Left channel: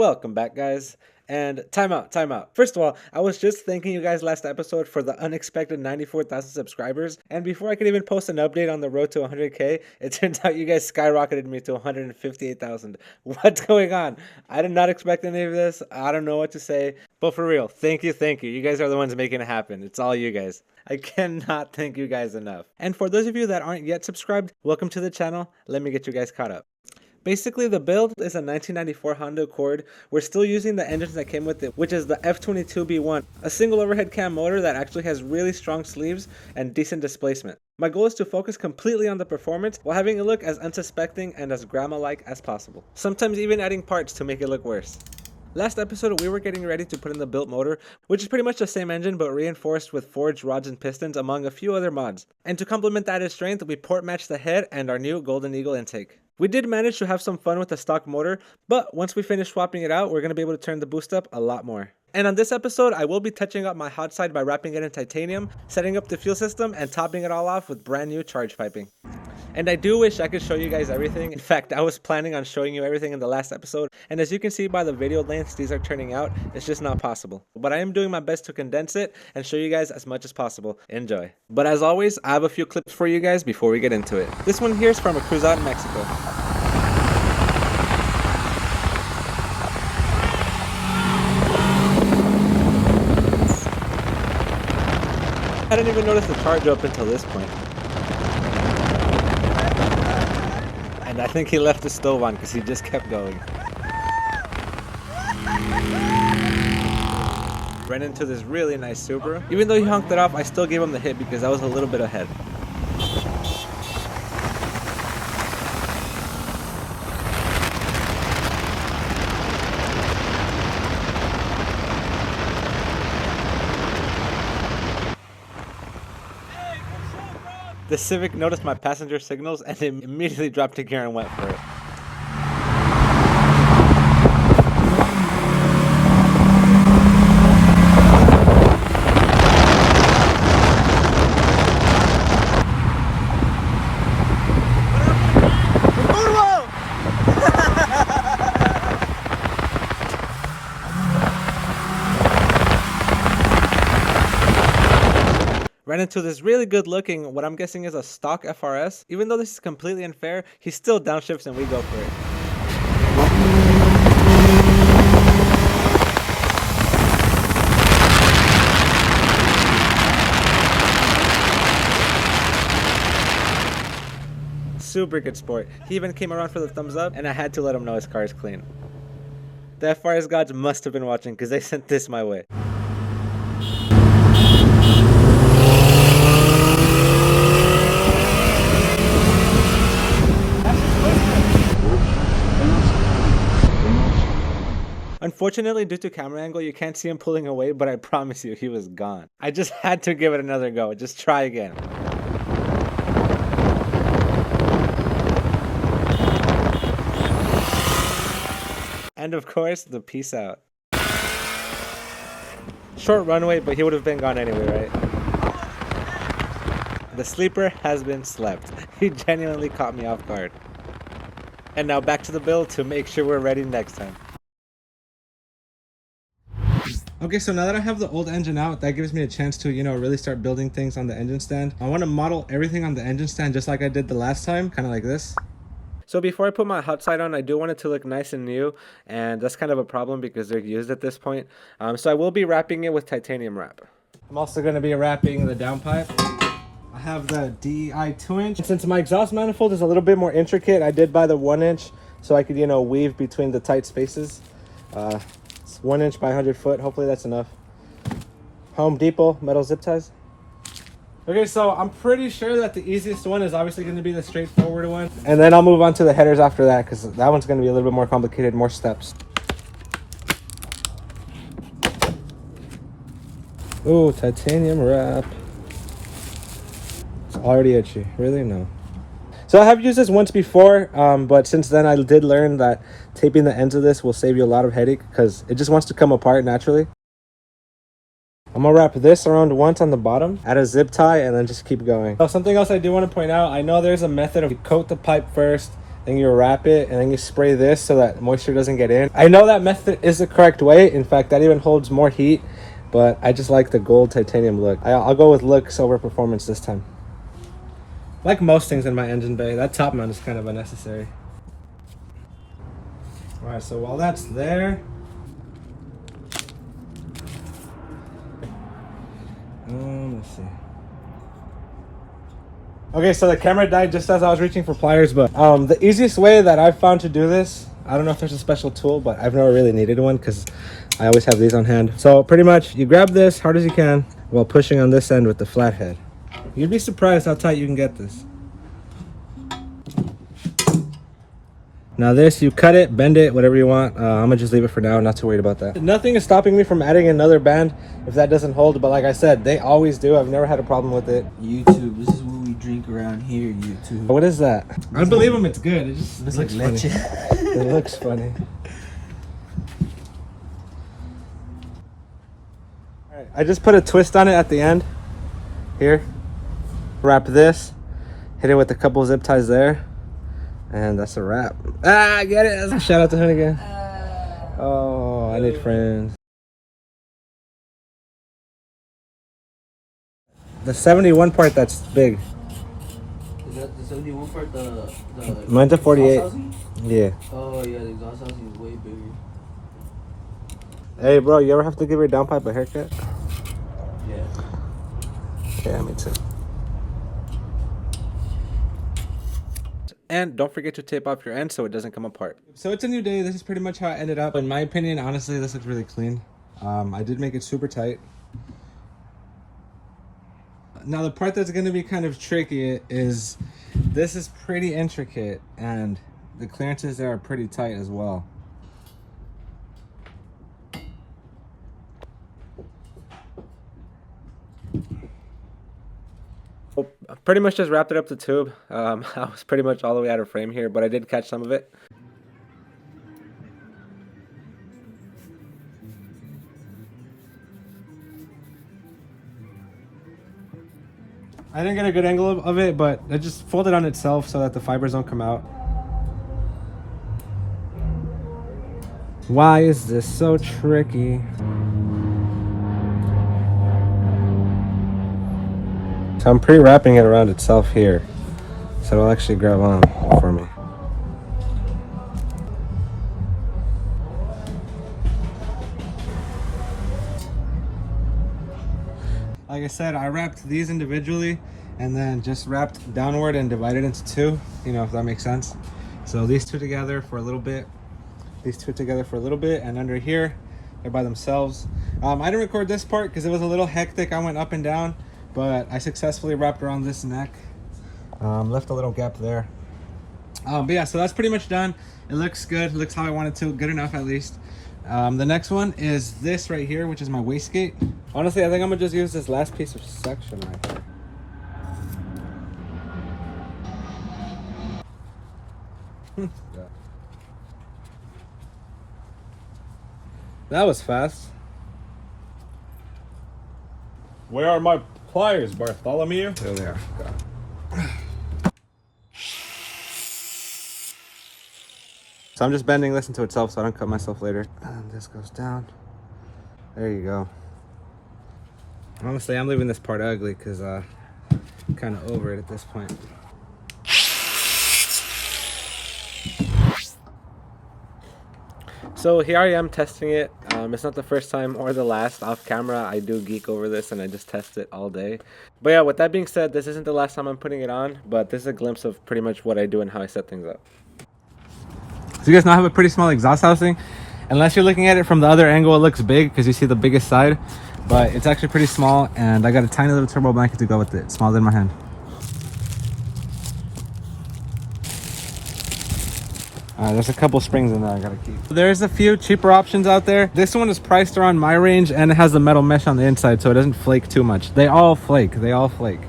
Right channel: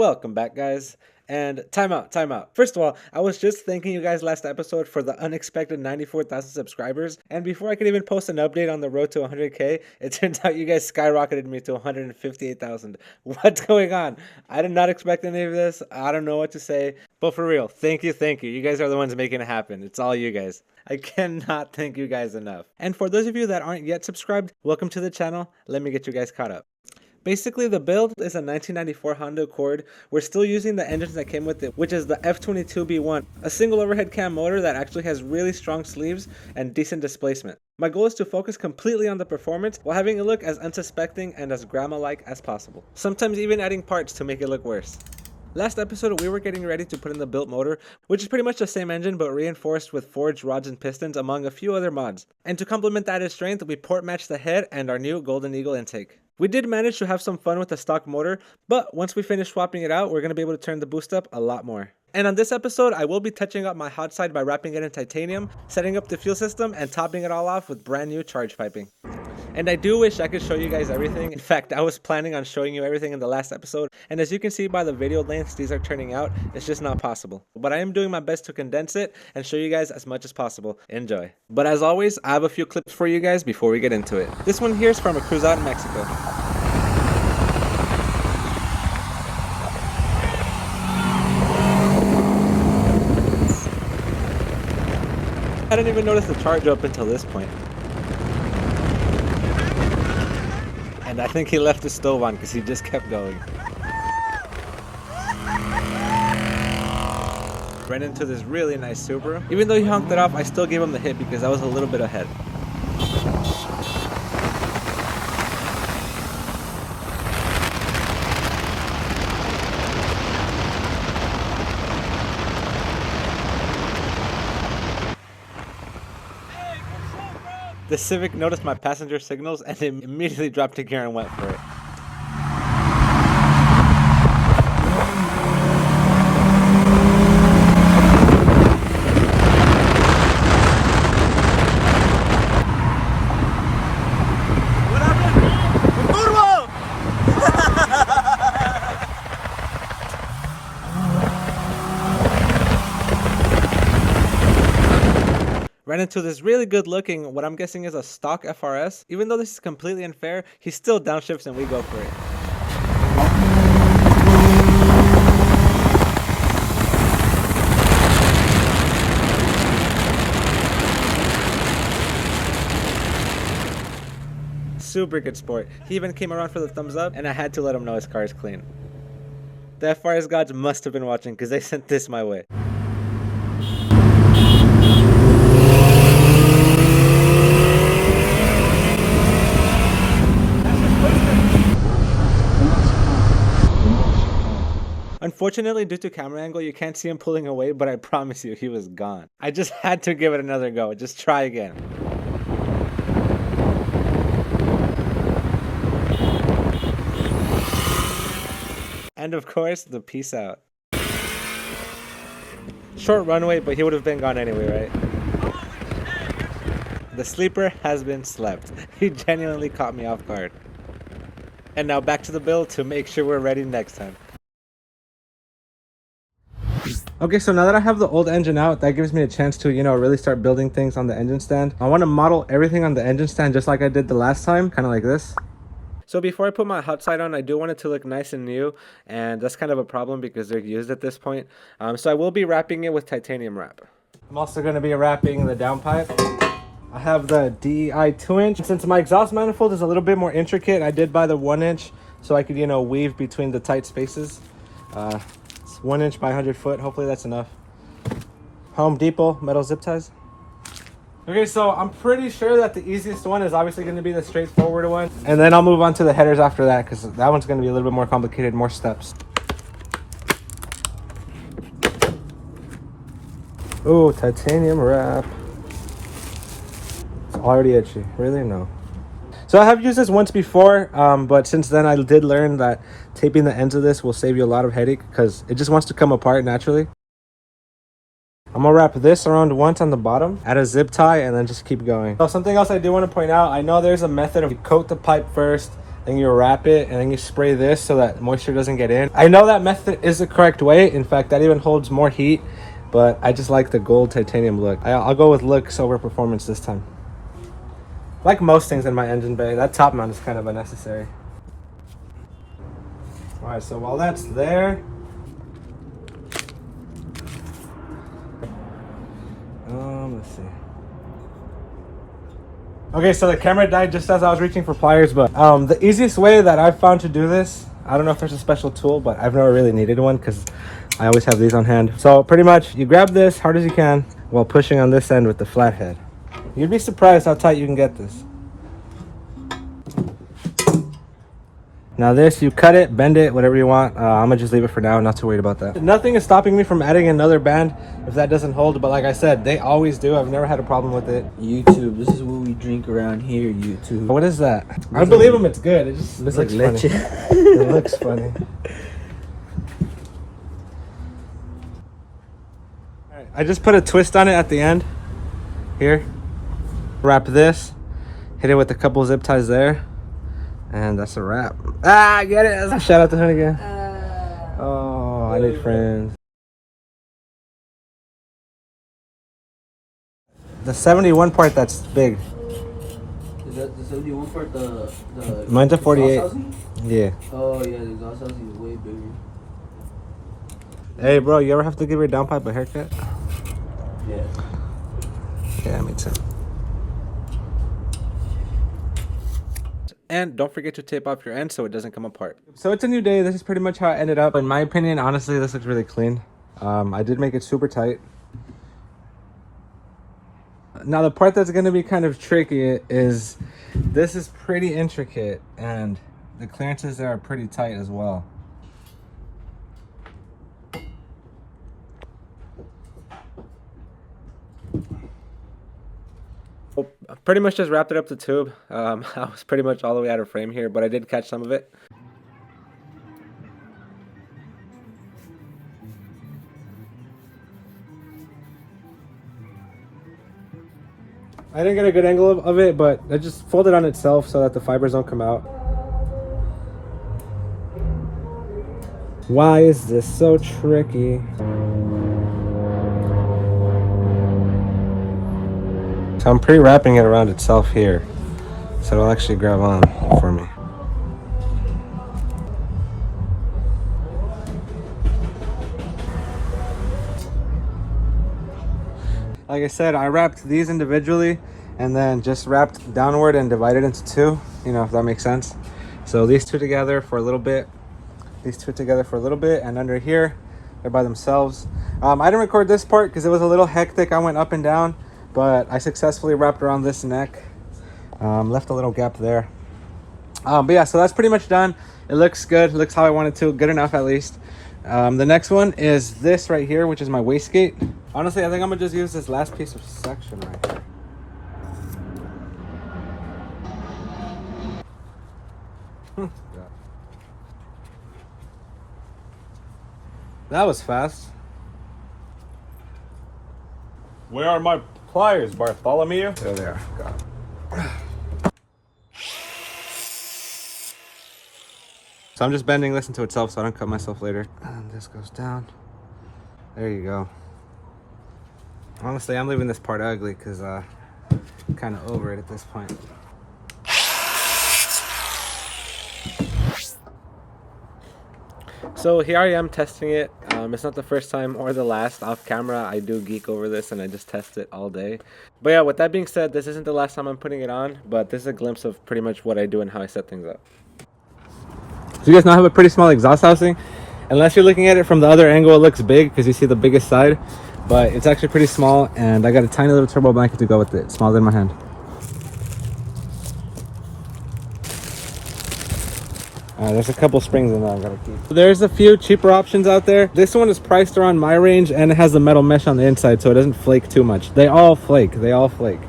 Welcome back, guys. And time out. First of all, I was just thanking you guys last episode for the unexpected 94,000 subscribers. And before I could even post an update on the road to 100K, it turns out you guys skyrocketed me to 158,000. What's going on? I did not expect any of this. I don't know what to say. But for real, thank you. You guys are the ones making it happen. It's all you guys. I cannot thank you guys enough. And for those of you that aren't yet subscribed, welcome to the channel. Let me get you guys caught up. Basically, the build is a 1994 Honda Accord. We're still using the engines that came with it, which is the F22B1, a single overhead cam motor that actually has really strong sleeves and decent displacement. My goal is to focus completely on the performance while having it look as unsuspecting and as grandma-like as possible. Sometimes even adding parts to make it look worse. Last episode, we were getting ready to put in the built motor, which is pretty much the same engine but reinforced with forged rods and pistons among a few other mods. And to complement the added strength, we port matched the head and our new Golden Eagle intake. We did manage to have some fun with the stock motor, but once we finish swapping it out, we're going to be able to turn the boost up a lot more. And on this episode, I will be touching up my hot side by wrapping it in titanium, setting up the fuel system, and topping it all off with brand new charge piping. And I do wish I could show you guys everything. In fact, I was planning on showing you everything in the last episode, and as you can see by the video lengths these are turning out, it's just not possible. But I am doing my best to condense it and show you guys as much as possible. Enjoy. But as always, I have a few clips for you guys before we get into it. This one here is from a cruise out in Mexico. I didn't even notice the charge up until this point. And I think he left the stove on because he just kept going. Ran into this really nice Subaru. Even though he honked it off, I still gave him the hit because I was a little bit ahead. The Civic noticed my passenger signals and immediately dropped a gear and went for it. Ran into this really good looking, what I'm guessing is a stock FRS. Even though this is completely unfair, he still downshifts and we go for it. Super good sport. He even came around for the thumbs up and I had to let him know his car is clean. The FRS gods must have been watching because they sent this my way. Unfortunately, due to camera angle, you can't see him pulling away, but I promise you, he was gone. I just had to give it another go. Just try again. And of course, the peace out. Short runway, but he would have been gone anyway, right? The sleeper has been slept. He genuinely caught me off guard. And now back to the build to make sure we're ready next time. Okay, so now that I have the old engine out, that gives me a chance to, really start building things on the engine stand. I want to model everything on the engine stand just like I did the last time, kind of like this. So before I put my hot side on, I do want it to look nice and new, and that's kind of a problem because they're used at this point. So I will be wrapping it with titanium wrap. I'm also going to be wrapping the downpipe. I have the DI 2-inch. Since my exhaust manifold is a little bit more intricate, I did buy the 1-inch so I could, weave between the tight spaces. 1 inch by 100 foot. Hopefully that's enough. Home Depot metal zip ties. Okay, so I'm pretty sure that the easiest one is obviously going to be the straightforward one, and then I'll move on to the headers after that because that one's going to be a little bit more complicated, more steps. Oh, titanium wrap. It's already itchy. Really? No. So I have used this once before, but since then I did learn that taping the ends of this will save you a lot of headache because it just wants to come apart naturally. I'm gonna wrap this around once on the bottom, add a zip tie, and then just keep going. So something else I do want to point out, I know there's a method of you coat the pipe first, then you wrap it, and then you spray this so that moisture doesn't get in. I know that method is the correct way. In fact, that even holds more heat, but I just like the gold titanium look. I'll go with looks over performance this time. Like most things in my engine bay, that top mount is kind of unnecessary. All right, so while that's there, let's see. Okay, so the camera died just as I was reaching for pliers, but the easiest way that I've found to do this, I don't know if there's a special tool, but I've never really needed one because I always have these on hand. So pretty much you grab this hard as you can while pushing on this end with the flathead. You'd be surprised how tight you can get this. Now this, you cut it, bend it, whatever you want. I'm gonna just leave it for now, not too worried about that. Nothing is stopping me from adding another band if that doesn't hold, but like I said, they always do. I've never had a problem with it. YouTube, this is what we drink around here, YouTube. What is that? I believe them, it's good. It just looks like funny. It looks funny. I just put a twist on it at the end. Here. Wrap this. Hit it with a couple zip ties there. And that's a wrap. Ah, get it. Shout out to Honey again. Oh, I need friends. The 71 part, that's big. Is that the 71 part? The Mine's a 48. Yeah. Oh yeah, the exhaust housing is way bigger. Hey bro, you ever have to give your downpipe a haircut? Yeah. Yeah, me too. And don't forget to tape off your end so it doesn't come apart. So it's a new day. This is pretty much how it ended up. In my opinion, honestly, this looks really clean. I did make it super tight. Now the part that's going to be kind of tricky is this is pretty intricate and the clearances there are pretty tight as well. I pretty much just wrapped it up the tube. I was pretty much all the way out of frame here, but I did catch some of it. I didn't get a good angle of it, but I just folded on itself so that the fibers don't come out. Why is this so tricky? So I'm pre-wrapping it around itself here, so it'll actually grab on for me. Like I said, I wrapped these individually and then just wrapped downward and divided into two, you know, if that makes sense. So these two together for a little bit, these two together for a little bit, and under here, they're by themselves. I didn't record this part because it was a little hectic. I went up and down, but I successfully wrapped around this neck. Left a little gap there. But yeah, so that's pretty much done. It looks good, it looks how I want it to, good enough at least. The next one is this right here, which is my wastegate. Honestly, I think I'm gonna just use this last piece of section right here. That was fast. Where are my pliers, Bartholomew? There they are. Got it. So I'm just bending this into itself so I don't cut myself later. And this goes down. There you go. Honestly, I'm leaving this part ugly because I'm kind of over it at this point. So here I am testing it. It's not the first time or the last off camera. I do geek over this and I just test it all day. But yeah, with that being said, this isn't the last time I'm putting it on, but this is a glimpse of pretty much what I do and how I set things up. So you guys now have a pretty small exhaust housing. Unless you're looking at it from the other angle, it looks big because you see the biggest side, but it's actually pretty small, and I got a tiny little turbo blanket to go with it, smaller than my hand. There's a couple springs in there I gotta keep. There's a few cheaper options out there. This one is priced around my range and it has the metal mesh on the inside so it doesn't flake too much. They all flake, they all flake.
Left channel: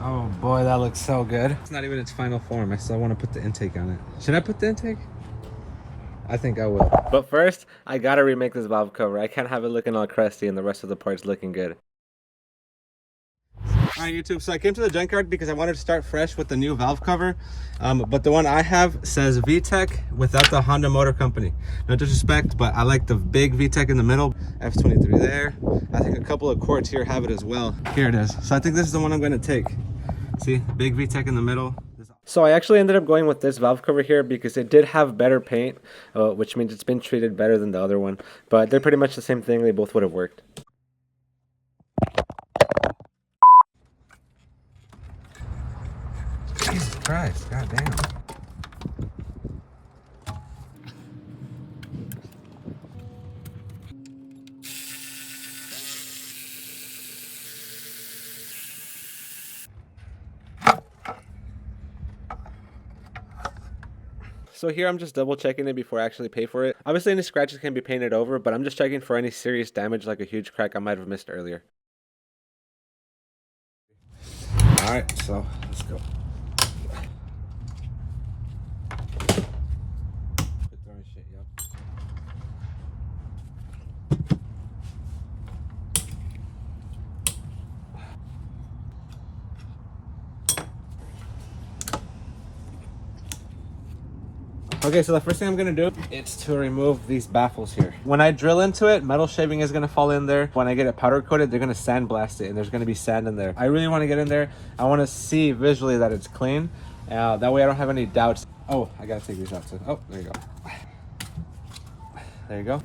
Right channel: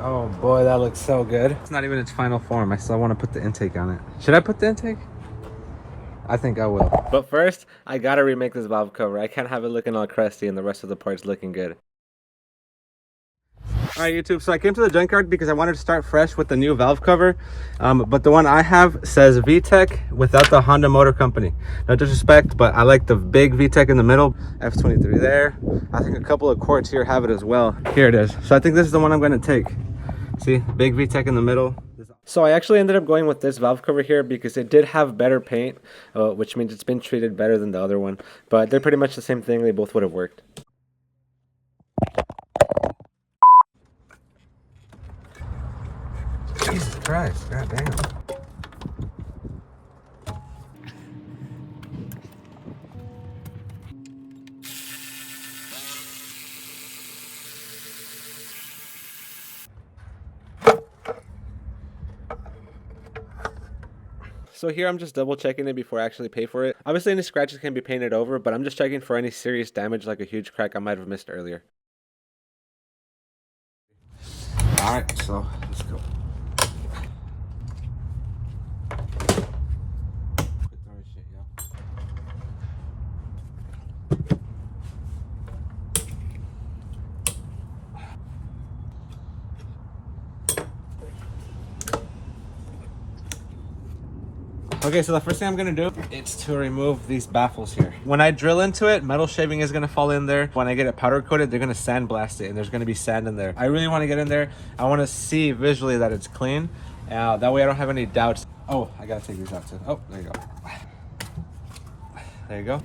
Oh boy, that looks so good. It's not even its final form. I still want to put the intake on it. Should I put the intake? I think I will. But first, I gotta remake this valve cover. I can't have it looking all crusty and the rest of the parts looking good. Alright YouTube, so I came to the junkyard because I wanted to start fresh with the new valve cover, but the one I have says VTEC without the Honda Motor Company. No disrespect, but I like the big VTEC in the middle. F23 there. I think a couple of quarts here have it as well. Here it is. So I think this is the one I'm going to take. See, big VTEC in the middle. So I actually ended up going with this valve cover here because it did have better paint, which means it's been treated better than the other one. But they're pretty much the same thing. They both would have worked. Jesus Christ, god damn. So here I'm just double checking it before I actually pay for it. Obviously any scratches can be painted over, but I'm just checking for any serious damage like a huge crack I might have missed earlier. Alright, so let's go. Okay, so the first thing I'm gonna do is to remove these baffles here. When I drill into it, metal shaving is gonna fall in there. When I get it powder coated, they're gonna sandblast it and there's gonna be sand in there. I really wanna get in there. I wanna see visually that it's clean. That way I don't have any doubts. Oh, I gotta take these out too. Oh, there you go. There you go.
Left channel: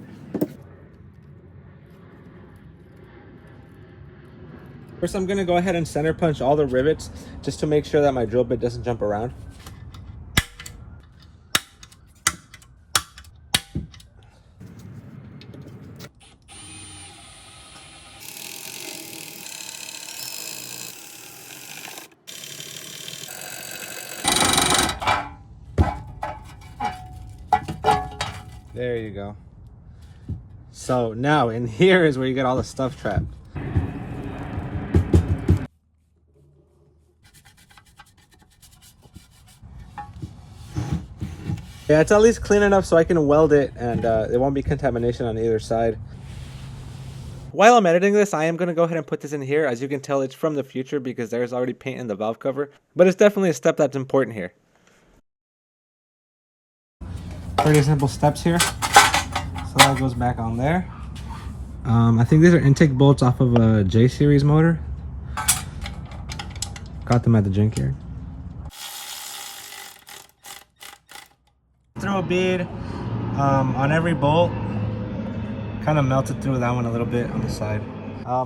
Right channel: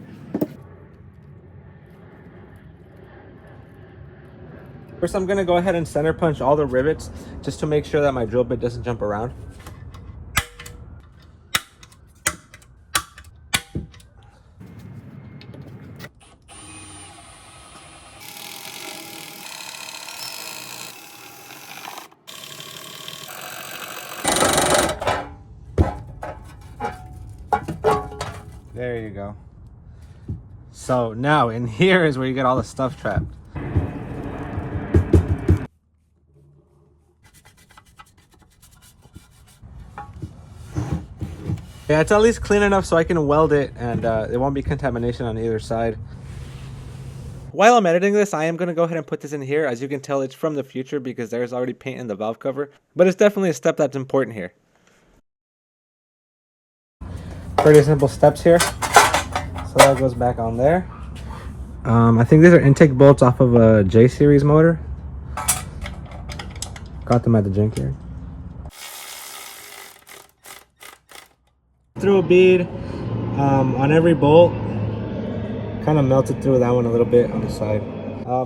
First, I'm gonna go ahead and center punch all the rivets just to make sure that my drill bit doesn't jump around. There you go. So now in here is where you get all the stuff trapped. Yeah, it's at least clean enough so I can weld it and there won't be contamination on either side. While I'm editing this, I am going to go ahead and put this in here. As you can tell, it's from the future because there's already paint in the valve cover. But it's definitely a step that's important here. Pretty simple steps here. So that goes back on there. I think these are intake bolts off of a J series motor. Got them at the junkyard. Throw a bead on every bolt. Kind of melted through that one a little bit on the side.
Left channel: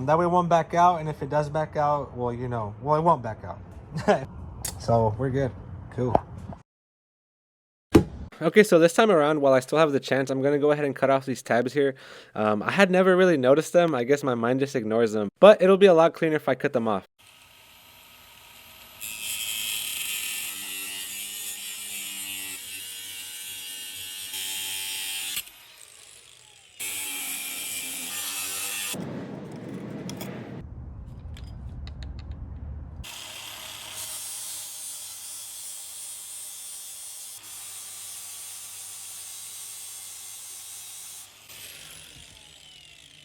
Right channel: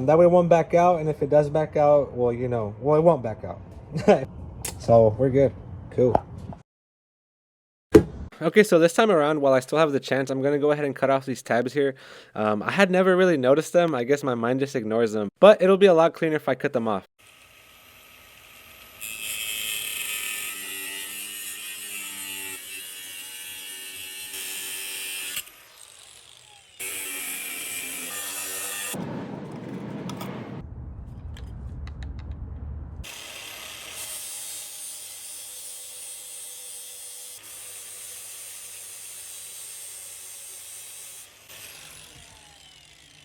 That way it won't back out, and if it does back out, well, you know, well, it won't back out. So we're good. Cool. Okay, so this time around, while I still have the chance, I'm going to go ahead and cut off these tabs here. I had never really noticed them. I guess my mind just ignores them. But it'll be a lot cleaner if I cut them off.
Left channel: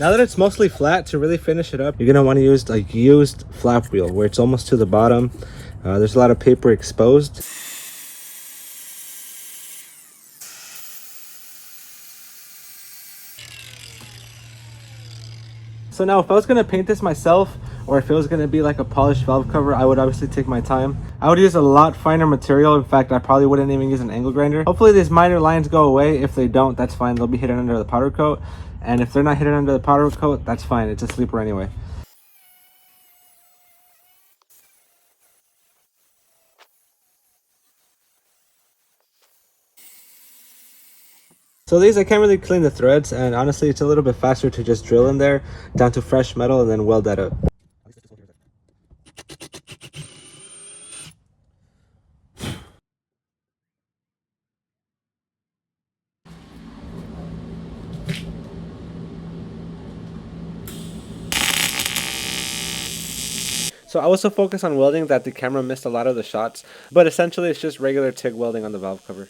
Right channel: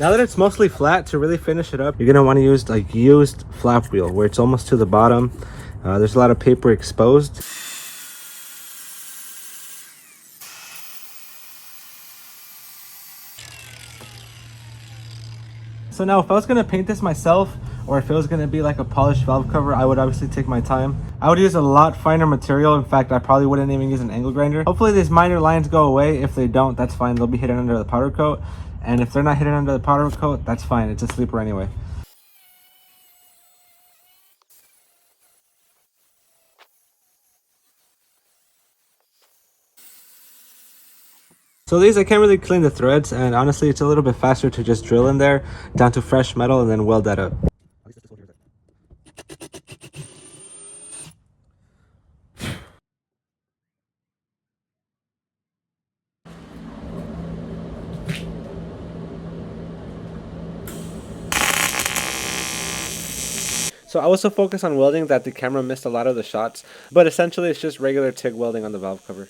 Now that it's mostly flat, to really finish it up, you're going to want to use like used flap wheel where it's almost to the bottom. There's a lot of paper exposed. So now if I was going to paint this myself, or if it was going to be like a polished valve cover, I would obviously take my time. I would use a lot finer material. In fact, I probably wouldn't even use an angle grinder. Hopefully these minor lines go away. If they don't, that's fine. They'll be hidden under the powder coat. And if they're not hidden under the powder coat, that's fine. It's a sleeper anyway. So these, I can't really clean the threads, and honestly it's a little bit faster to just drill in there down to fresh metal and then weld that up. So I was so focused on welding that the camera missed a lot of the shots, but essentially it's just regular TIG welding on the valve cover.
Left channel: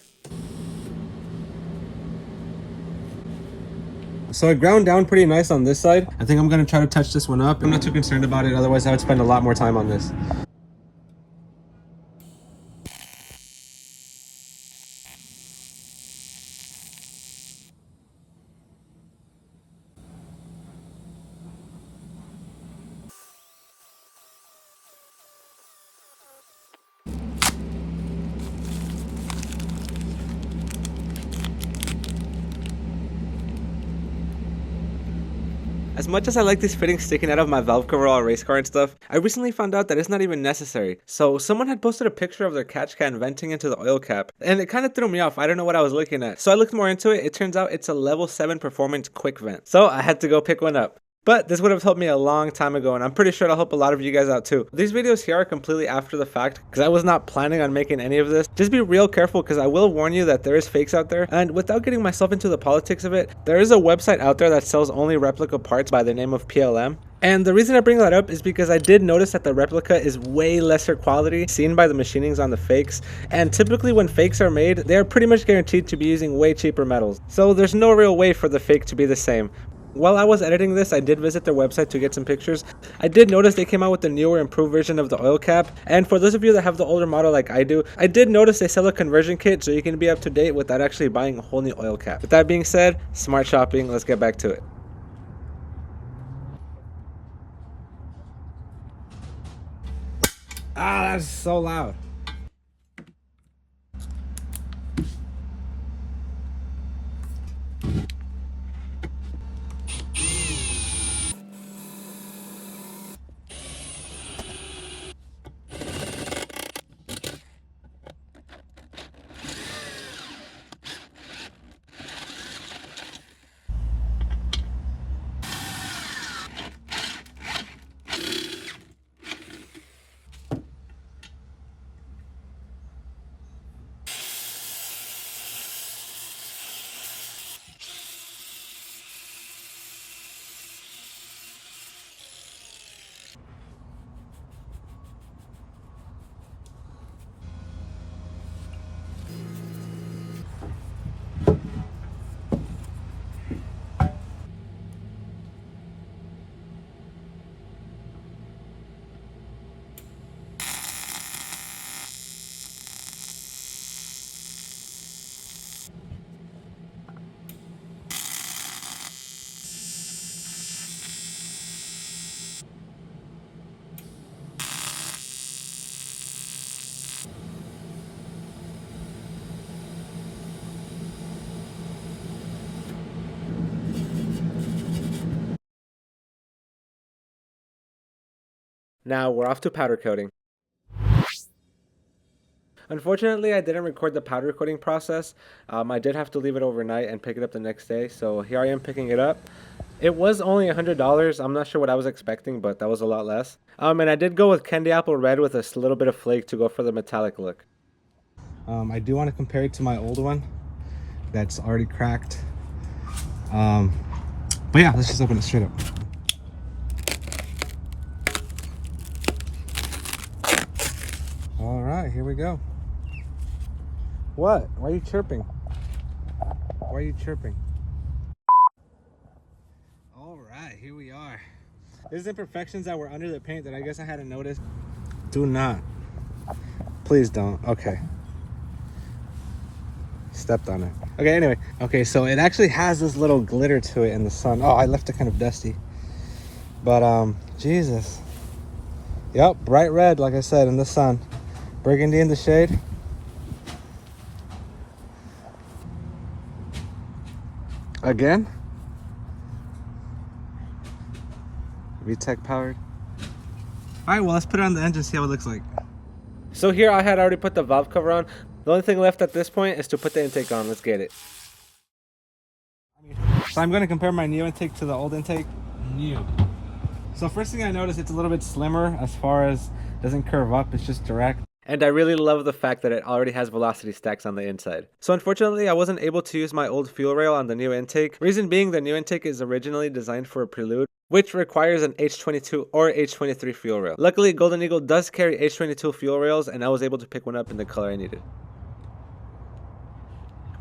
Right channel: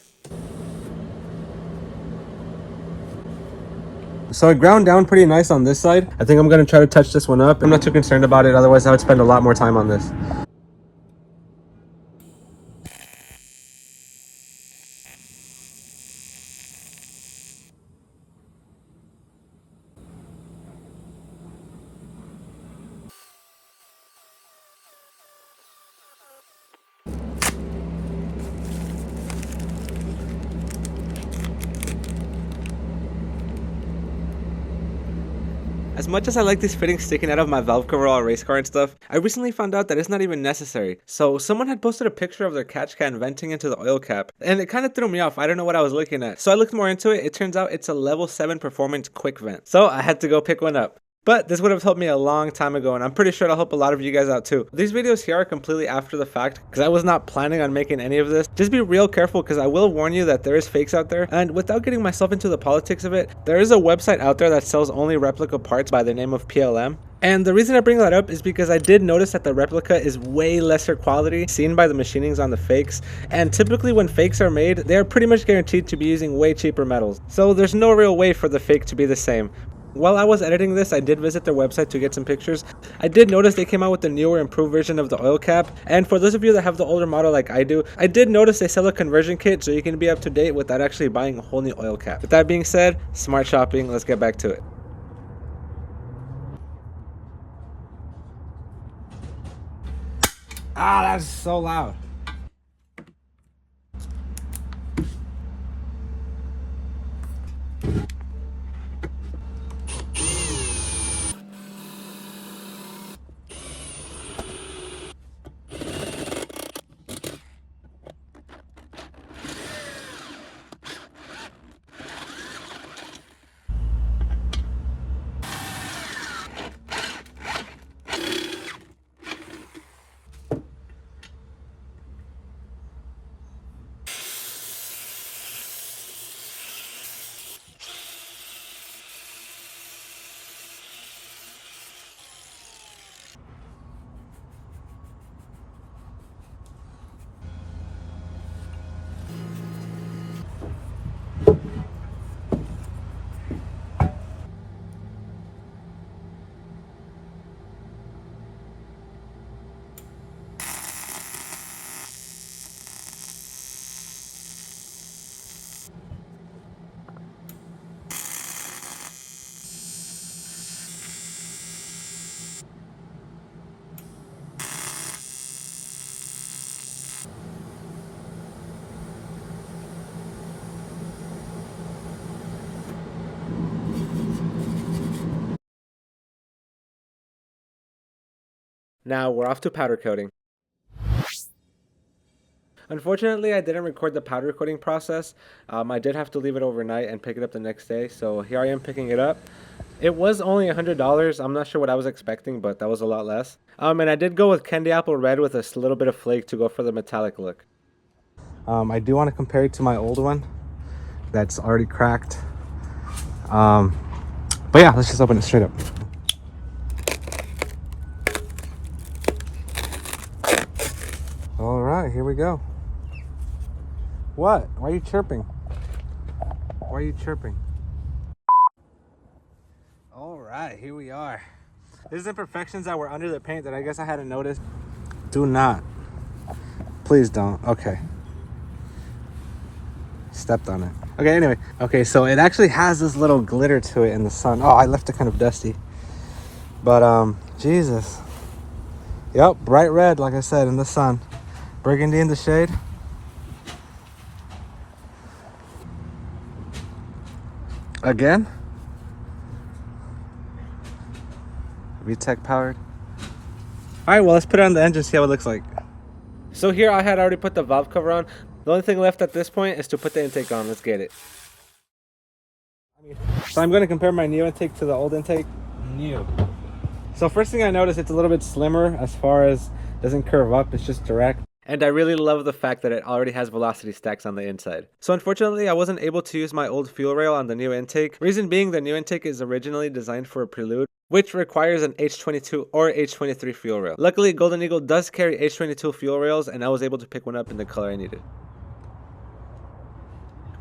So it ground down pretty nice on this side. I think I'm gonna try to touch this one up. I'm not too concerned about it, otherwise I would spend a lot more time on this. As much as I like these fittings sticking out of my valve cover all race car and stuff, I recently found out that it's not even necessary. So someone had posted a picture of their catch can venting into the oil cap, and it kind of threw me off. I don't know what I was looking at. So I looked more into it. It turns out it's a level 7 performance quick vent. So I had to go pick one up. But this would have helped me a long time ago, and I'm pretty sure it'll help a lot of you guys out too. These videos here are completely after the fact because I was not planning on making any of this. Just be real careful because I will warn you that there is fakes out there, and without getting myself into the politics of it, there is a website out there that sells only replica parts by the name of PLM. And the reason I bring that up is because I did notice that the replica is way lesser quality seen by the machinings on the fakes, and typically when fakes are made, they are pretty much guaranteed to be using way cheaper metals. So there's no real way for the fake to be the same. While I was editing this, I did visit their website to get some pictures. I did notice they came out with the newer improved version of the oil cap, and for those of you that have the older model like I do, I did notice they sell a conversion kit so you can be up to date without actually buying a whole new oil cap. With that being said, smart shopping, let's get back to it. Ah, that's so loud. Now we're off to powder coating. Unfortunately, I didn't record the powder coating process. I did have to leave it overnight and pick it up the next day, so here I am picking it up. It was only $100. I'm not sure what I was expecting, but that was a lot less. And I did go with candy apple red with a little bit of flake to go for the metallic look. I do want to compare it to my old one that's already cracked. But yeah, let's just open it straight up. All right, here we go. What? Why are you chirping? Why are you chirping? All right, here we are. This is imperfections that were under the paint that I guess I hadn't noticed. Do not. Please don't. Okay. Stepped on it. Okay, anyway. Okay, so it actually has this little glitter to it in the sun. Oh, I left it kind of dusty. But, Jesus. Yep, bright red, like I said, in the sun. Burgundy in the shade. Again. VTEC powered. All right, well, let's put it on the engine, see how it looks like. So here I had already put the valve cover on. The only thing left at this point is to put the intake on. Let's get it. So I'm going to compare my new intake to the old intake. New. So first thing I noticed, it's a little bit slimmer as far as doesn't curve up. It's just direct. And I really love the fact that it already has velocity stacks on the inside. So unfortunately, I wasn't able to use my old fuel rail on the new intake. Reason being, the new intake is originally designed for a Prelude, which requires an H22 or H23 fuel rail. Luckily, Golden Eagle does carry H22 fuel rails, and I was able to pick one up in the color I needed.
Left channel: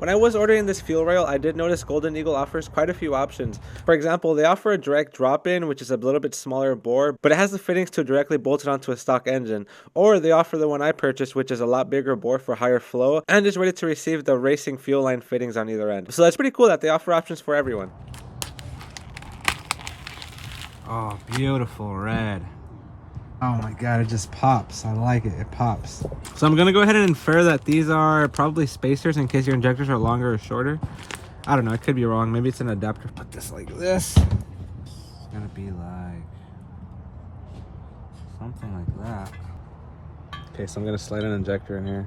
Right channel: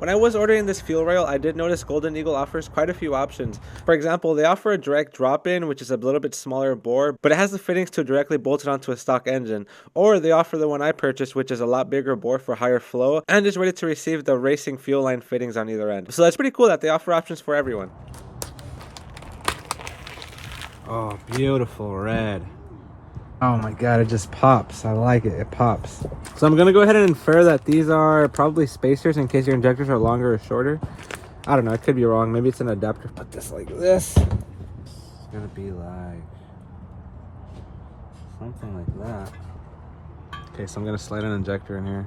When I was ordering this fuel rail, I did notice Golden Eagle offers quite a few options. For example, they offer a direct drop-in, which is a little bit smaller bore, but it has the fittings to directly bolt it onto a stock engine. Or they offer the one I purchased, which is a lot bigger bore for higher flow, and is ready to receive the racing fuel line fittings on either end. So that's pretty cool that they offer options for everyone. Oh, beautiful red. Oh my god, it just pops. I like it. It pops. So I'm going to go ahead and infer that these are probably spacers in case your injectors are longer or shorter. I don't know. I could be wrong. Maybe it's an adapter. Put this like this. It's going to be like something like that. Okay, so I'm going to slide an injector in here.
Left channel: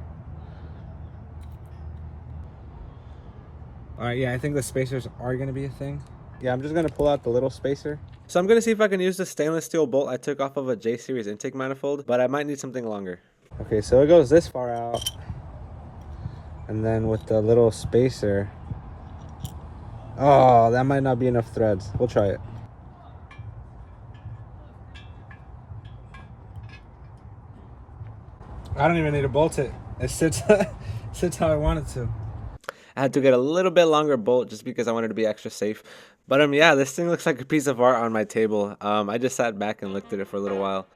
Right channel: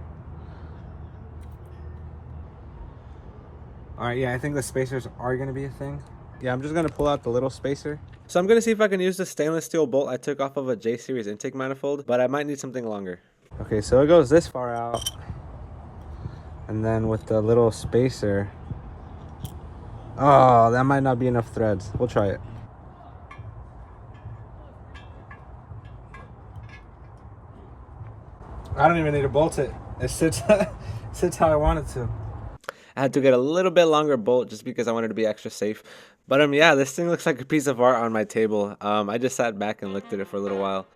Alright, yeah, I think the spacers are going to be a thing. Yeah, I'm just going to pull out the little spacer. So I'm going to see if I can use the stainless steel bolt I took off of a J-series intake manifold, but I might need something longer. Okay, so it goes this far out. And then with the little spacer... Oh, that might not be enough threads. We'll try it. I don't even need to bolt it. It sits, sits how I want it to. I had to get a little bit longer bolt just because I wanted to be extra safe. But yeah, this thing looks like a piece of art on my table. I just sat back and looked at it for a little while.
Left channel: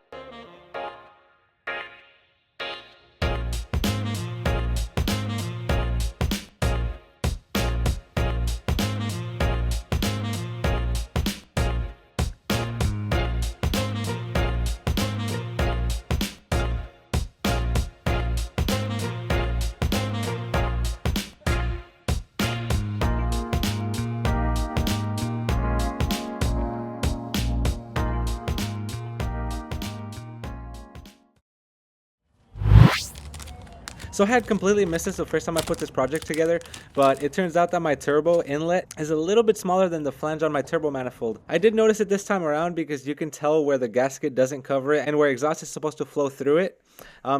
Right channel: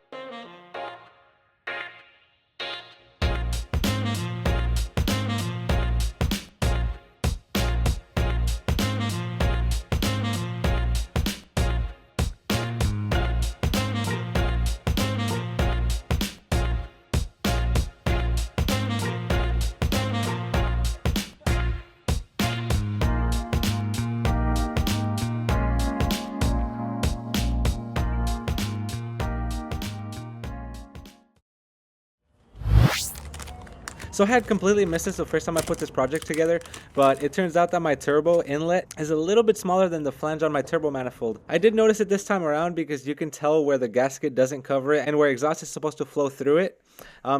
So I had completely missed this the first time I put this project together, but it turns out that my turbo inlet is a little bit smaller than the flange on my turbo manifold. I did notice it this time around because you can tell where the gasket doesn't cover it and where exhaust is supposed to flow through it.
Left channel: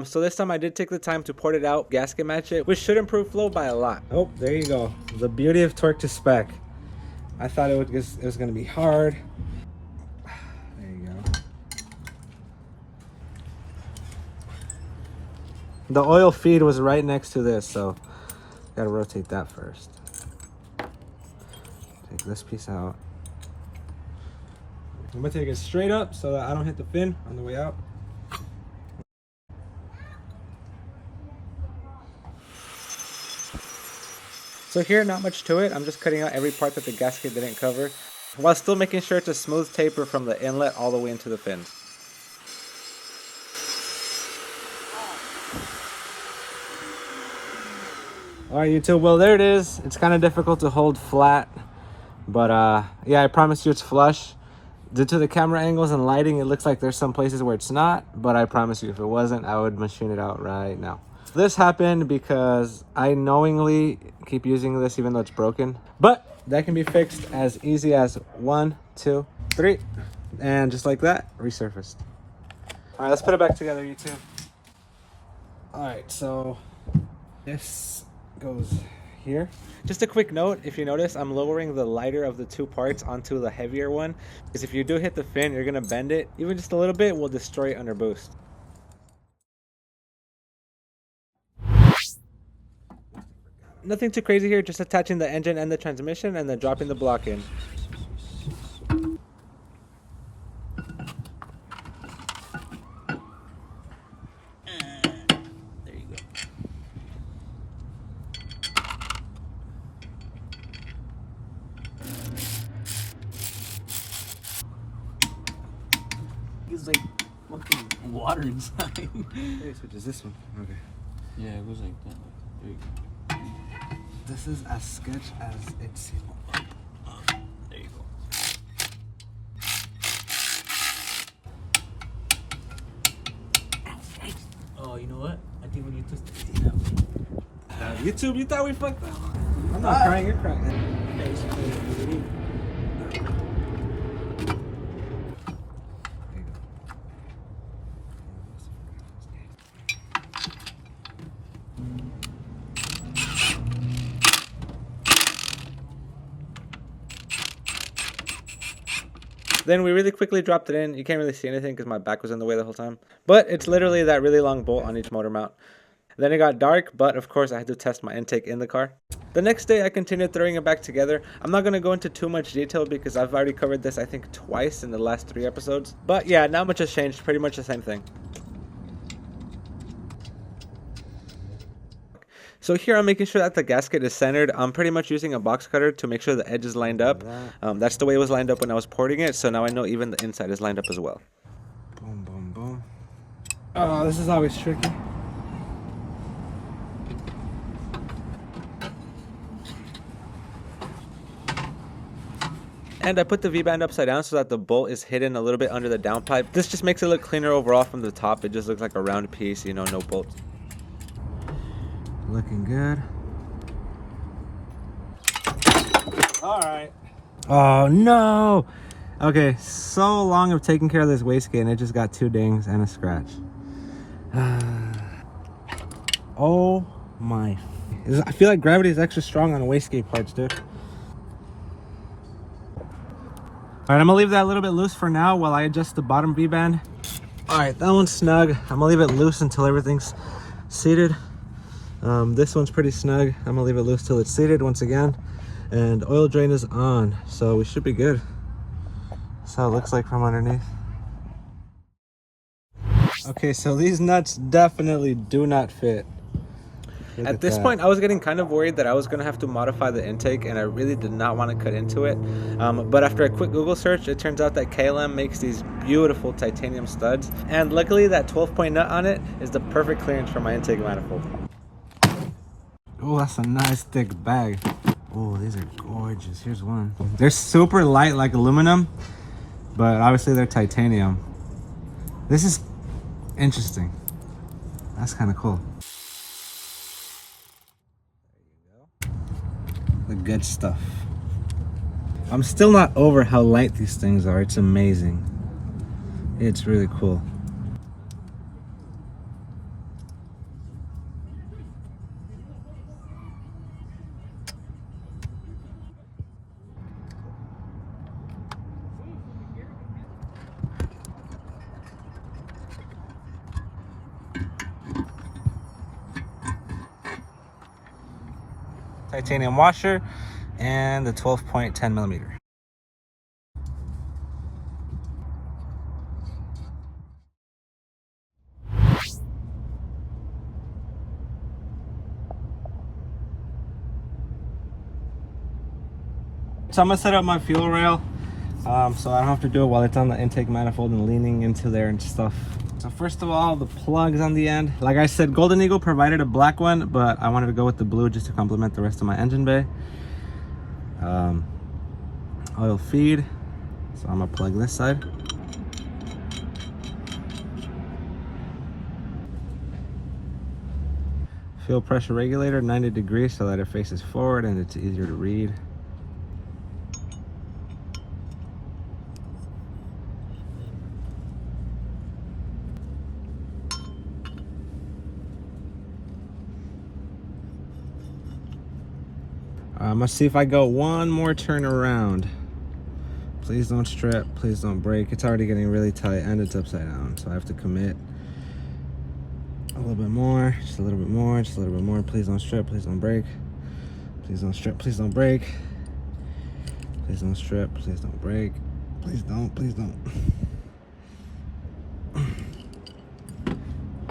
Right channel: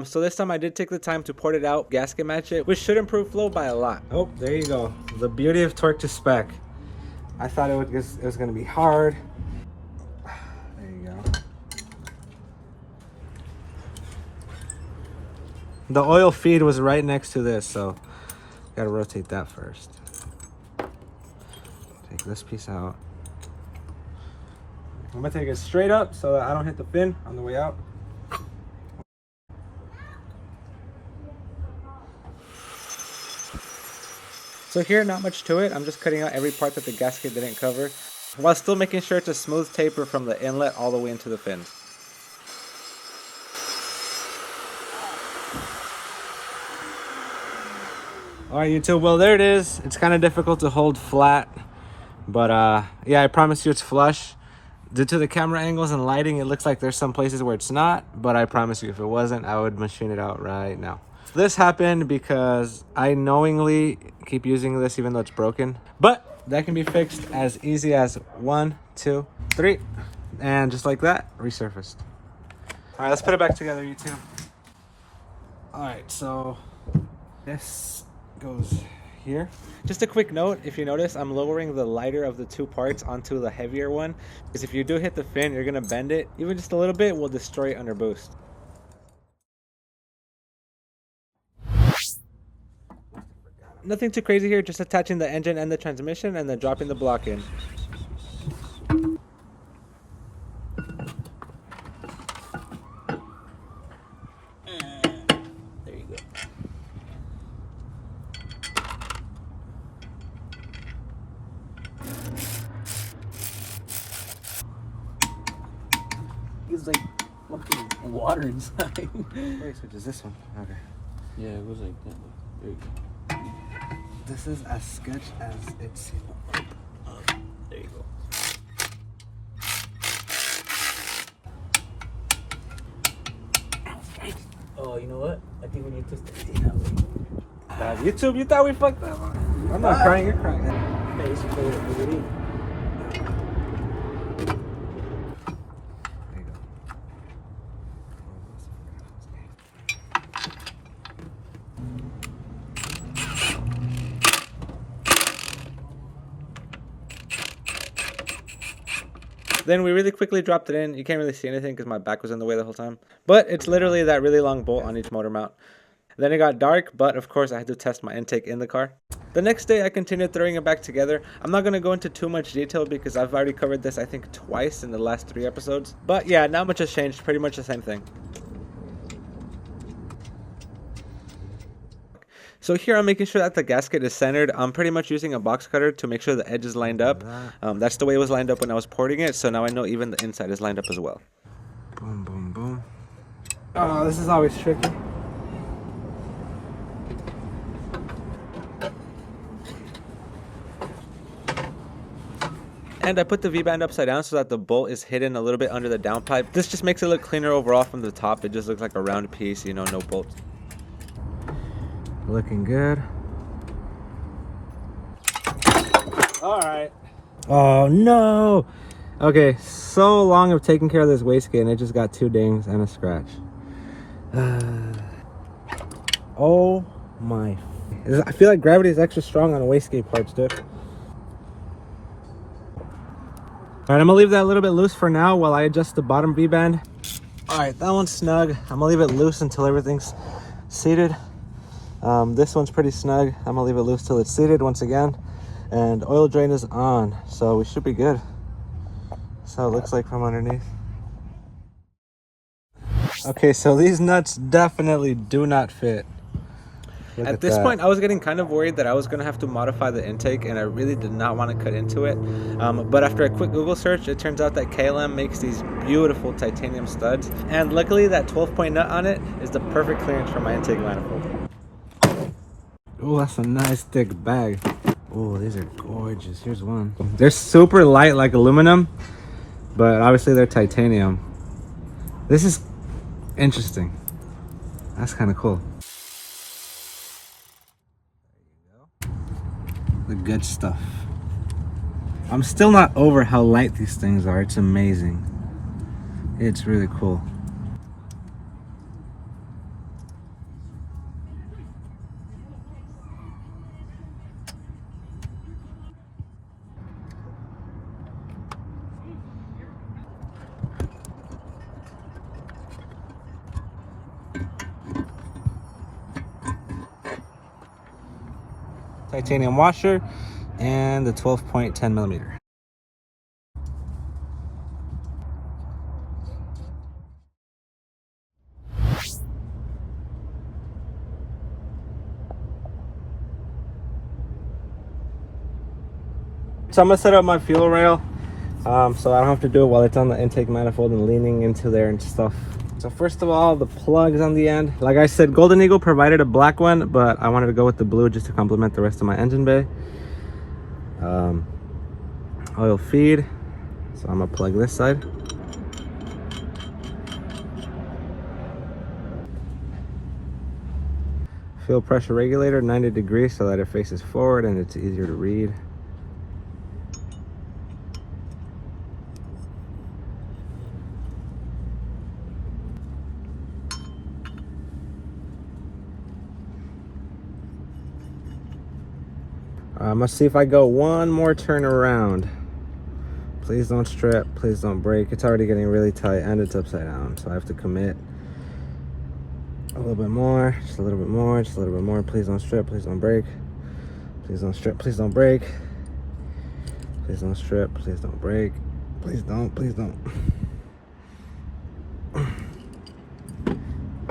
So this time I did take the time to port it out, gasket match it, which should improve flow by a lot. Oh, there you go. The beauty of torque to spec. I thought it was going to be hard. There you go. The oil feed was right next to this, so gotta rotate that first. Take this piece out. I'm gonna take it straight up so that I don't hit the fin on the way out. So here, not much to it. I'm just cutting out every part that the gasket didn't cover, while still making sure it's a smooth taper from the inlet all the way into the fin. Alright YouTube, well there it is. It's kind of difficult to hold flat, but yeah, I promise you it's flush. Due to the camera angles and lighting, it looks like there's some places where it's not, but I promise you if it wasn't, I would machine it out right now. This happened because I knowingly keep using this even though it's broken, but that can be fixed as easy as 1, 2, 3, and just like that, resurfaced. Alright, let's put it back together, YouTube. Alright, so this goes here. Just a quick note, if you notice, I'm lowering the lighter of the two parts onto the heavier one, because if you do hit the fin, you're gonna bend it. Even just a little bit will destroy it under boost. Nothing too crazy here, just attaching the engine and the transmission and then dropping the block in. It's like fucking water inside. Wait, so does this one? Okay. Yeah, it goes like that. There you go. This is as sketch as it seems. There you go. Oh, you know what? I think we need to stay that way. YouTube, you thought we fucked up? I'm not crying, you're crying. Basically, what we need. Then we really quickly dropped it in. You can't really see anything because my back was in the way the whole time. But it's literally that really long bolt on each motor mount. Then it got dark, but of course I had to test my intake in the car. The next day I continued throwing it back together. I'm not going to go into too much detail because I've already covered this I think twice in the last 3 episodes. But yeah, not much has changed, pretty much the same thing. So here I'm making sure that the gasket is centered. I'm pretty much using a box cutter to make sure the edge is lined up. That's the way it was lined up when I was porting it, so now I know even the inside is lined up as well. Boom, boom, boom. Oh, this is always tricky. And I put the V-band upside down so that the bolt is hidden a little bit under the downpipe. This just makes it look cleaner overall from the top. It just looks like a round piece, you know, no bolts. Looking good. All right. Oh no. Okay, so long of taking care of this wastegate and it just got 2 dings and a scratch. Oh my. I feel like gravity is extra strong on wastegate parts, dude. All right, I'm gonna leave that a little bit loose for now while I adjust the bottom V-band. All right, that one's snug. I'm gonna leave it loose until everything's seated. This one's pretty snug. I'm gonna leave it loose till it's seated once again. And oil drain is on, so we should be good. So it looks like from underneath. Okay, so these nuts definitely do not fit. At this point, I was getting kind of worried that I was going to have to modify the intake, and I really did not want to cut into it. But after a quick Google search, it turns out that KLM makes these beautiful titanium studs. And luckily, that 12-point nut on it is the perfect clearance for my intake manifold. Oh, that's a nice thick bag. Oh, these are gorgeous. Here's one. They're super light like aluminum, but obviously they're titanium. This is interesting. That's kind of cool. The good stuff. I'm still not over how light these things are. It's amazing. It's really cool. Titanium washer and the 12.10 millimeter. So I'm gonna set up my fuel rail so I don't have to do it while it's on the intake manifold and leaning into there and stuff. So first of all, the plugs on the end. Like I said, Golden Eagle provided a black one, but I wanted to go with the blue just to complement the rest of my engine bay. Oil feed. So I'm gonna plug this side. Fuel pressure regulator, 90 degrees so that it faces forward and it's easier to read. Let's see if I go one more turn around. Please don't strip, please don't break. It's already getting really tight and it's upside down, so I have to commit a little bit more, just a little bit more, just a little bit more. Please don't strip, please don't break. Please don't strip, please don't break. Please don't strip, please don't break. Please don't, please don't.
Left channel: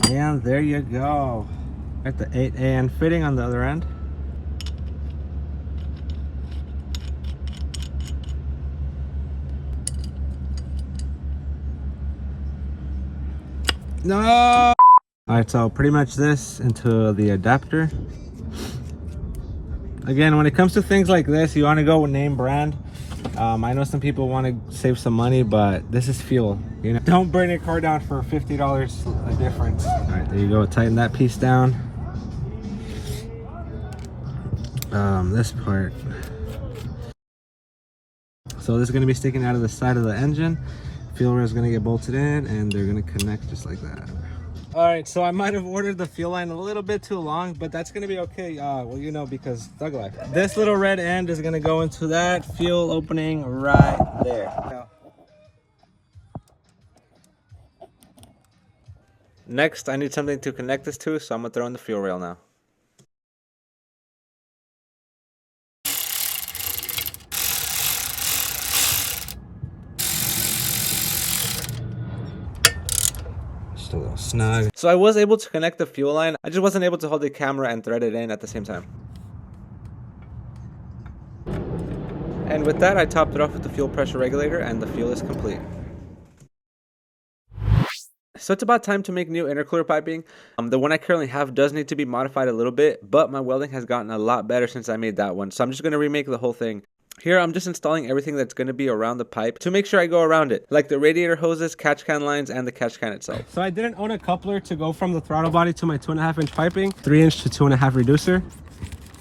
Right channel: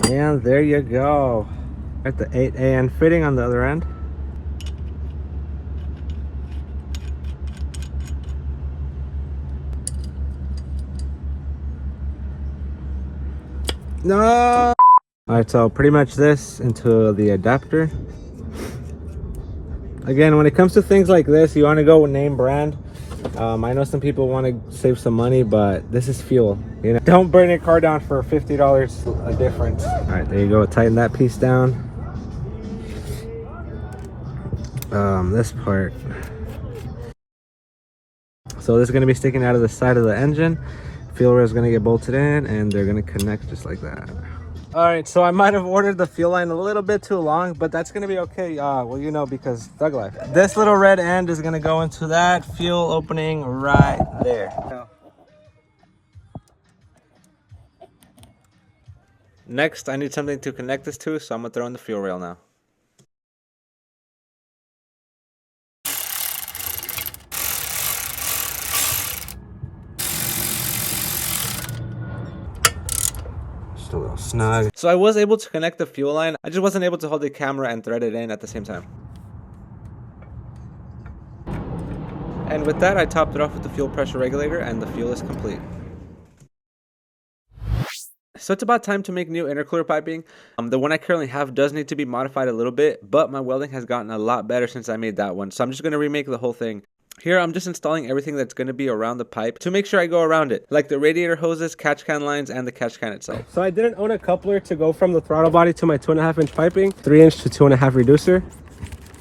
And there you go. Got the 8AN fitting on the other end. No! All right, so pretty much this into the adapter. Again, when it comes to things like this, you want to go with name brand. I know some people want to save some money, but this is fuel. You know, don't burn your car down for $50 a difference. All right, there you go. Tighten that piece down. This part. So this is going to be sticking out of the side of the engine. Fuel rail is going to get bolted in and they're going to connect just like that. All right, so I might have ordered the fuel line a little bit too long, but that's going to be okay. Well, you know, because thug life. This little red end is going to go into that fuel opening right there. Next, I need something to connect this to, so I'm gonna throw in the fuel rail now. Just a little snug. So I was able to connect the fuel line, I just wasn't able to hold the camera and thread it in at the same time. And with that, I topped it off with the fuel pressure regulator, and the fuel is complete. So it's about time to make new intercooler piping. The one I currently have does need to be modified a little bit, but my welding has gotten a lot better since I made that one. So I'm just going to remake the whole thing. Here I'm just installing everything that's going to be around the pipe to make sure I go around it, like the radiator hoses, catch can lines, and the catch can itself. So I didn't own a coupler to go from the throttle body to my 2.5-inch piping, 3-inch to 2.5 reducer.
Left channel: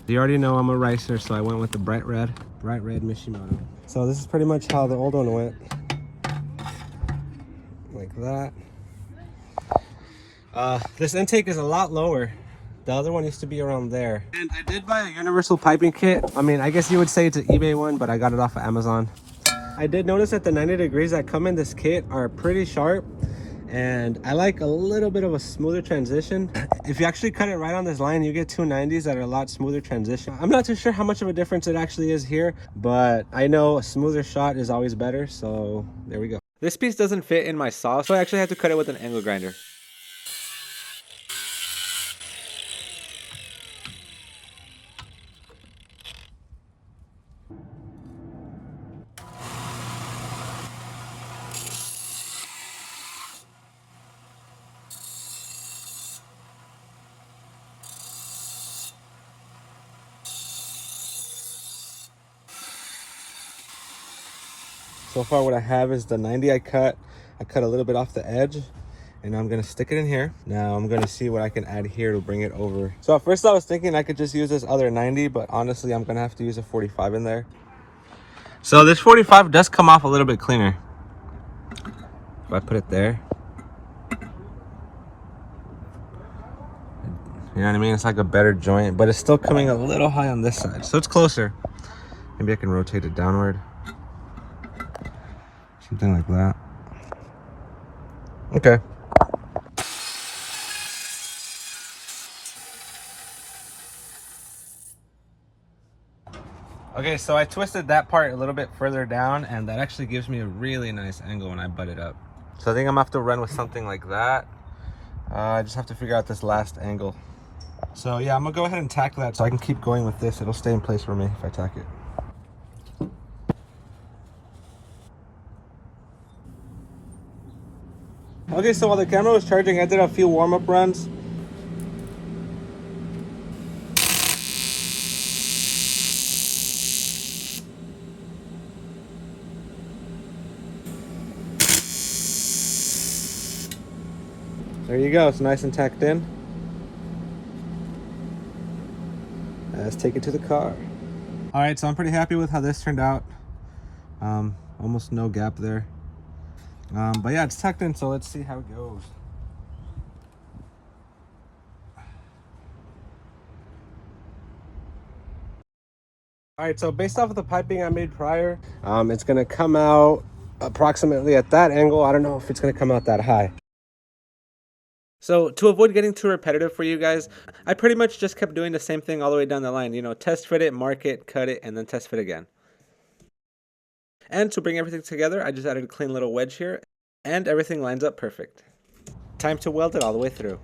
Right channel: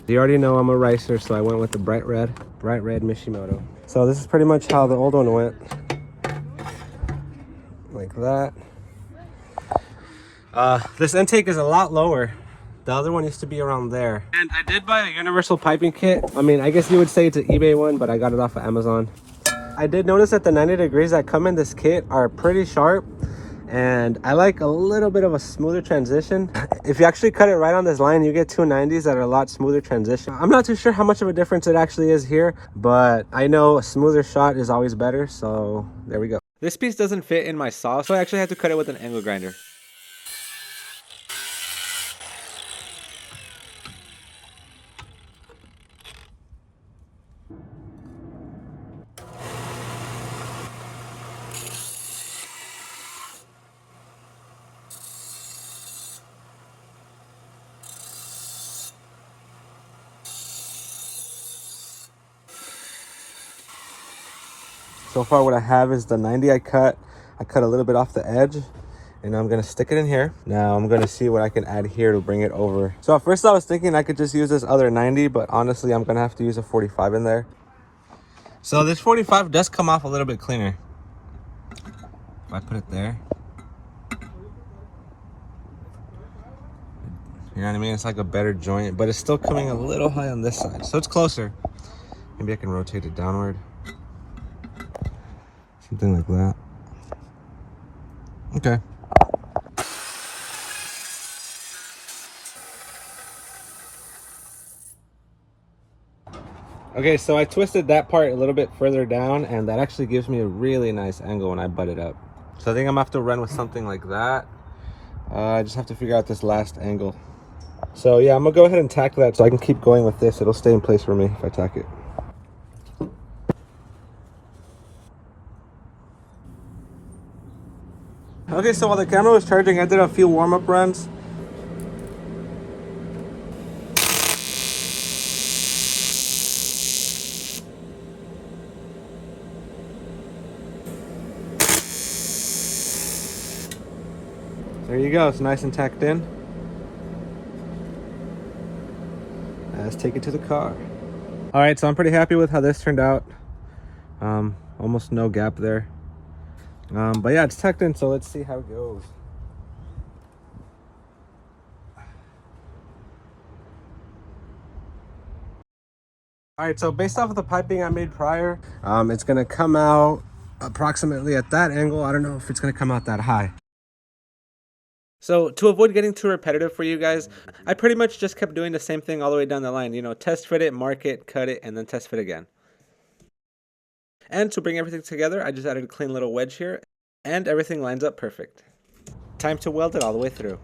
You already know I'm a ricer, so I went with the bright red Mishimoto. So this is pretty much how the old one went, like that. This intake is a lot lower. The other one used to be around there. And I did buy a universal piping kit. I mean, I guess you would say it's an eBay one, but I got it off of Amazon. I did notice that the 90 degrees that come in this kit are pretty sharp, and I like a little bit of a smoother transition. If you actually cut it right on this line, you get 290s that are a lot smoother transition. I'm not too sure how much of a difference it actually is here, but I know a smoother shot is always better, so there we go. This piece doesn't fit in my saw, so I actually had to cut it with an angle grinder. So far what I have is the 90 I cut a little bit off the edge, and I'm gonna stick it in here. Now I'm gonna see what I can add here to bring it over. So at first I was thinking I could just use this other 90, but honestly I'm gonna have to use a 45 in there. So this 45 does come off a little bit cleaner. If I put it there, you know what I mean? It's like a better joint, but it's still coming a little high on this side. So it's closer. Maybe I can rotate it downward. Something like that. Okay. Okay, so I twisted that part a little bit further down, and that actually gives me a really nice angle when I butt it up. So I think I'm gonna have to run with something like that. I just have to figure out this last angle. So yeah, I'm gonna go ahead and tack that so I can keep going with this. It'll stay in place for me if I tack it. Okay, so while the camera was charging, I did a few warm-up runs. There you go, it's nice and tacked in. Let's take it to the car. All right, so I'm pretty happy with how this turned out. Almost no gap there. But yeah, it's tucked in, so let's see how it goes. All right, so based off of the piping I made prior, it's gonna come out approximately at that angle. I don't know if it's gonna come out that high. So to avoid getting too repetitive for you guys, I pretty much just kept doing the same thing all the way down the line. You know, test fit it, mark it, cut it, and then test fit again. And to bring everything together, I just added a clean little wedge here, and everything lines up perfect. Time to weld it all the way through.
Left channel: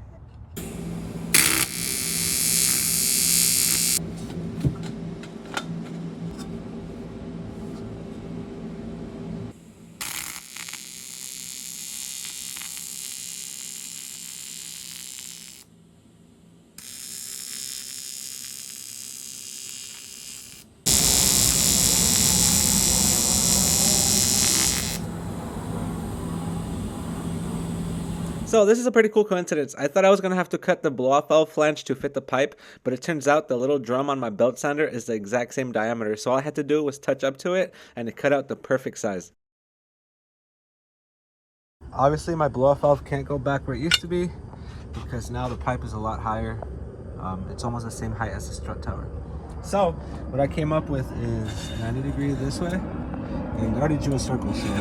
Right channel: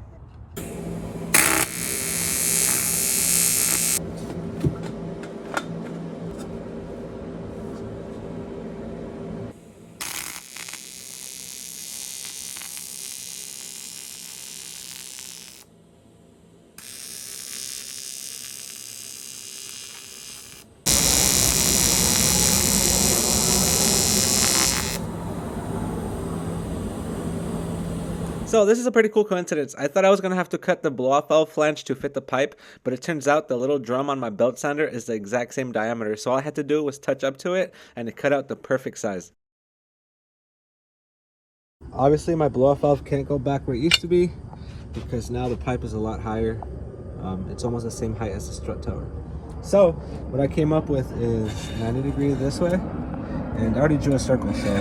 So this is a pretty cool coincidence. I thought I was going to have to cut the blow-off valve flange to fit the pipe, but it turns out the little drum on my belt sander is the exact same diameter, so all I had to do was touch up to it, and it cut out the perfect size. Obviously my blow-off valve can't go back where it used to be, because now the pipe is a lot higher. It's almost the same height as the strut tower. So what I came up with is 90 degrees this way, and I already drew a circle, so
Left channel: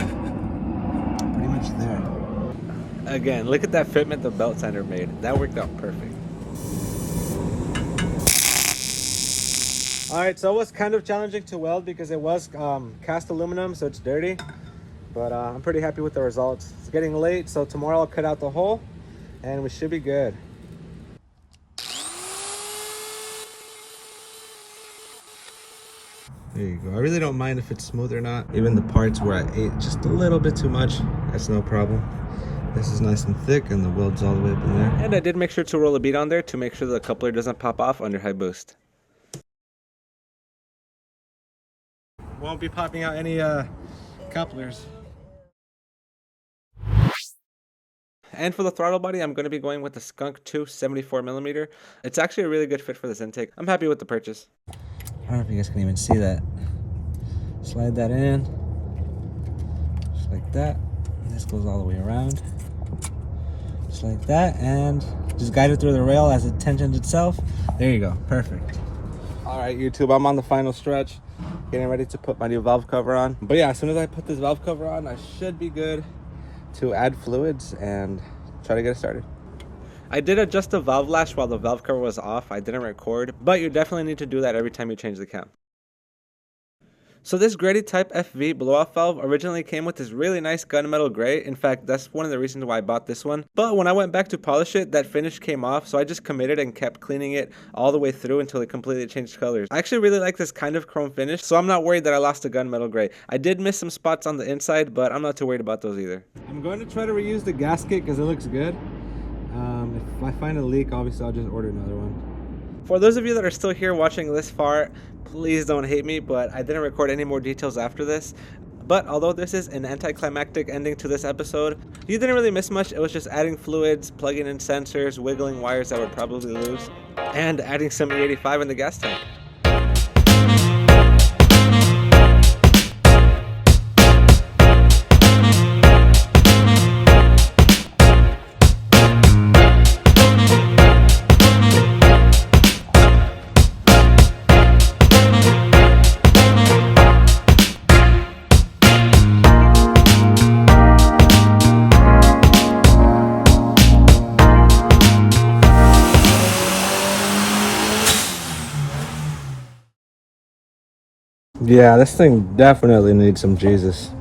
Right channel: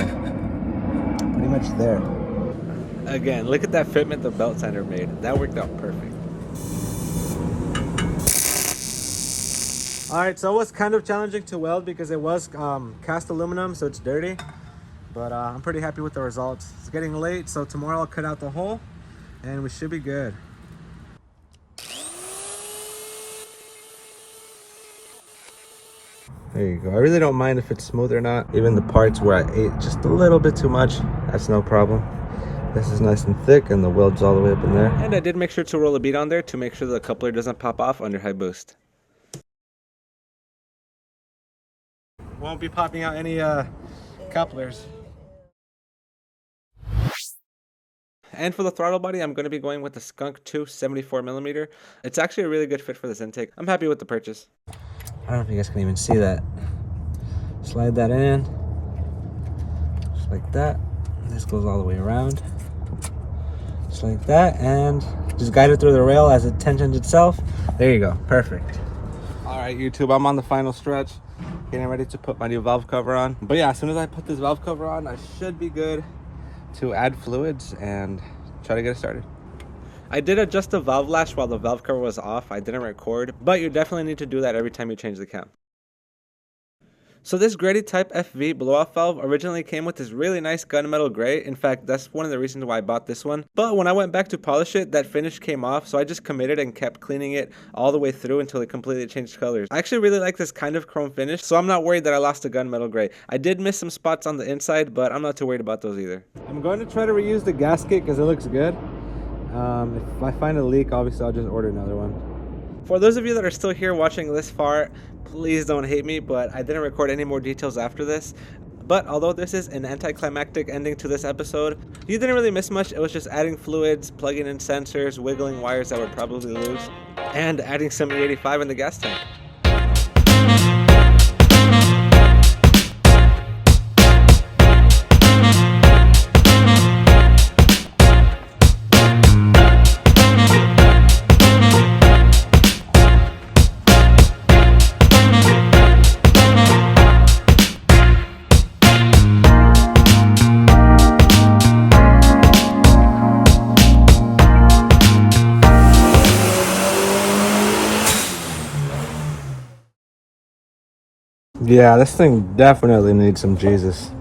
pretty much there. Again, look at that fitment the belt sander made. That worked out perfect. Alright, so it was kind of challenging to weld because it was cast aluminum, so it's dirty. But I'm pretty happy with the results. It's getting late, so tomorrow I'll cut out the hole and we should be good. There you go. I really don't mind if it's smooth or not. Even the parts where I ate just a little bit too much, that's no problem. This is nice and thick and the weld's all the way up in there. And I did make sure to roll a bead on there to make sure the coupler doesn't pop off under high boost. Won't be popping out any couplers. And for the throttle body, I'm going to be going with the Skunk 2 74mm. It's actually a really good fit for this intake. I'm happy with the purchase. I don't know if you guys can even see that. Slide that in, just like that. This goes all the way around, just like that, and just guide it through the rail as it tensions itself. There you go, perfect. All right, YouTube, I'm on the final stretch, getting ready to put my new valve cover on. But yeah, as soon as I put this valve cover on, I should be good to add fluids and try to get it started. I did adjust the valve lash while the valve cover was off. I didn't record, but you definitely need to do that every time you change the cam. So this Grady Type FV blow-off valve originally came with this really nice gunmetal gray. In fact, that's one of the reasons why I bought this one. But when I went back to polish it, that finish came off, so I just committed and kept cleaning it all the way through until it completely changed colors. I actually really like this kind of chrome finish, so I'm not worried that I lost the gunmetal gray. I did miss some spots on the inside, but I'm not too worried about those either. I'm going to try to reuse the gasket because it looks good. If I find a leak, obviously I'll just order another one. For those of you that are still here watching this far, please don't hate me, but I didn't record any more details after this. But although this is an anticlimactic ending to this episode, you didn't really miss much. It was just adding fluids, plugging in sensors, wiggling wires that would probably lose, and adding some E85 in the gas tank. Yeah, this thing definitely needs some Jesus.